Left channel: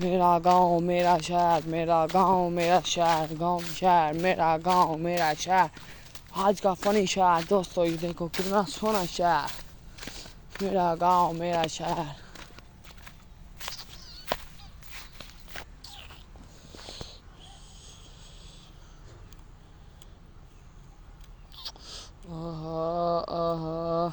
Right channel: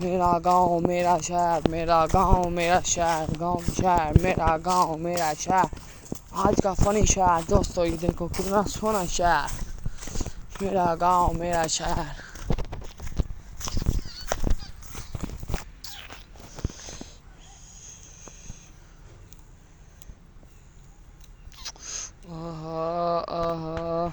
मेरा गांव मेरा शहर, मेरा गांव मेरा शहर, गांव शहर मेरा गांव मेरा शहर। आज का फनी शहर दोस्तों, ये देखो कितना सोना शहर। मेरा गांव मेरा शहर। ओहो ओहो।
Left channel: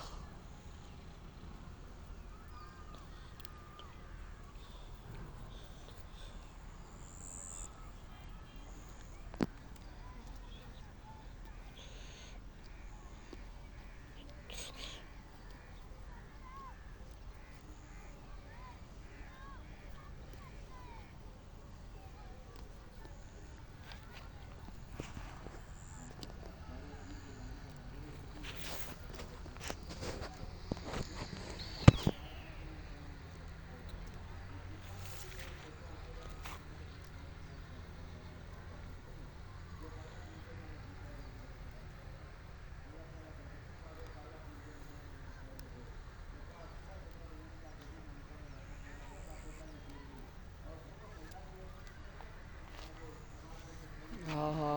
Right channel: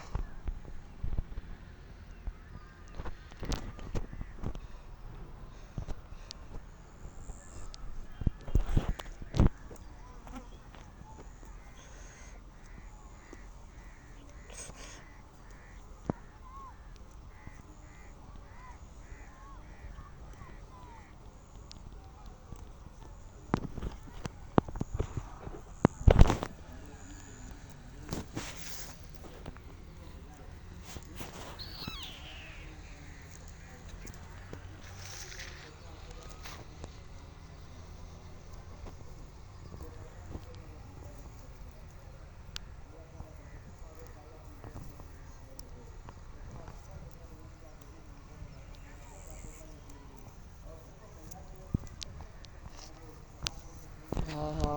ओहो।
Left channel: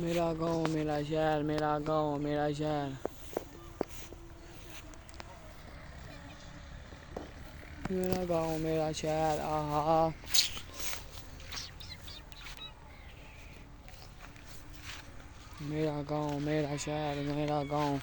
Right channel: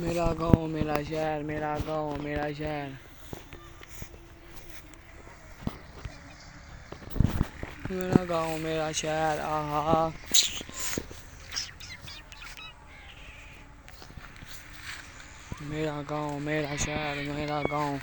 मेरा गांव मेरा शहर, मेरा गांव मेरा शहर। मेरा गांव मेरा शहर। आहा। मेरा गांव मेरा शहर, मेरा गांव।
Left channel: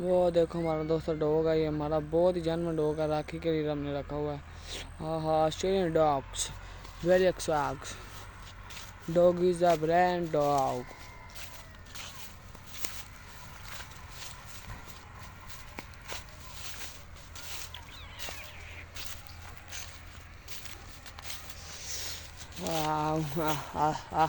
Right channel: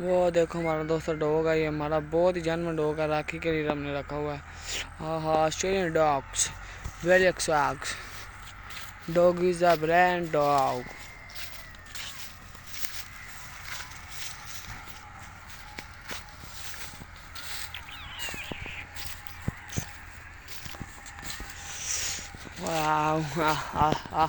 वो देखो हमारा दोस्त डॉग है, ये हमारा बहुत ही जन्म डॉग है, राखी के लिए हमने रखा हुआ है। हाँ Australian dogs very exact. Dog is a brand dog. वाह।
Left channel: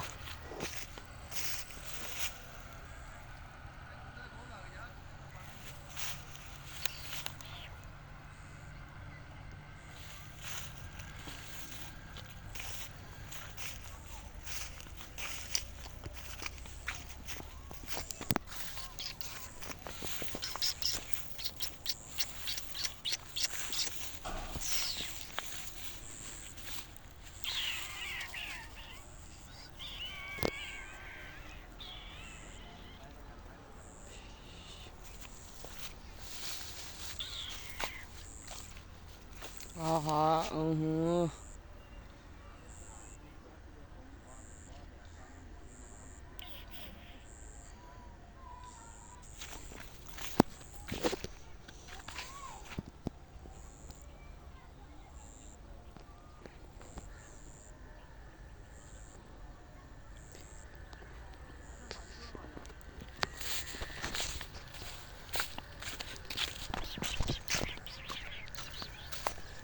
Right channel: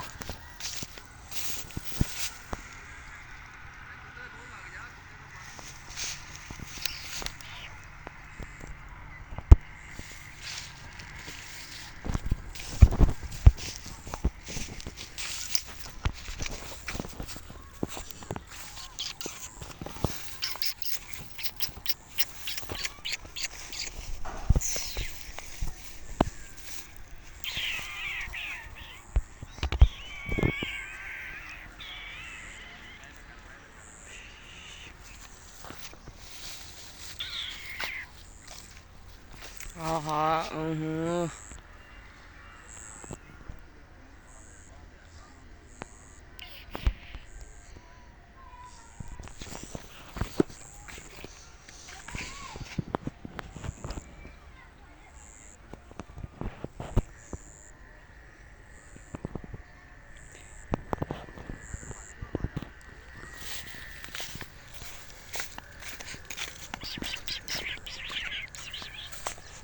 आहा।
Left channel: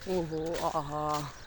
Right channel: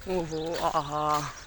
ओहो आहा।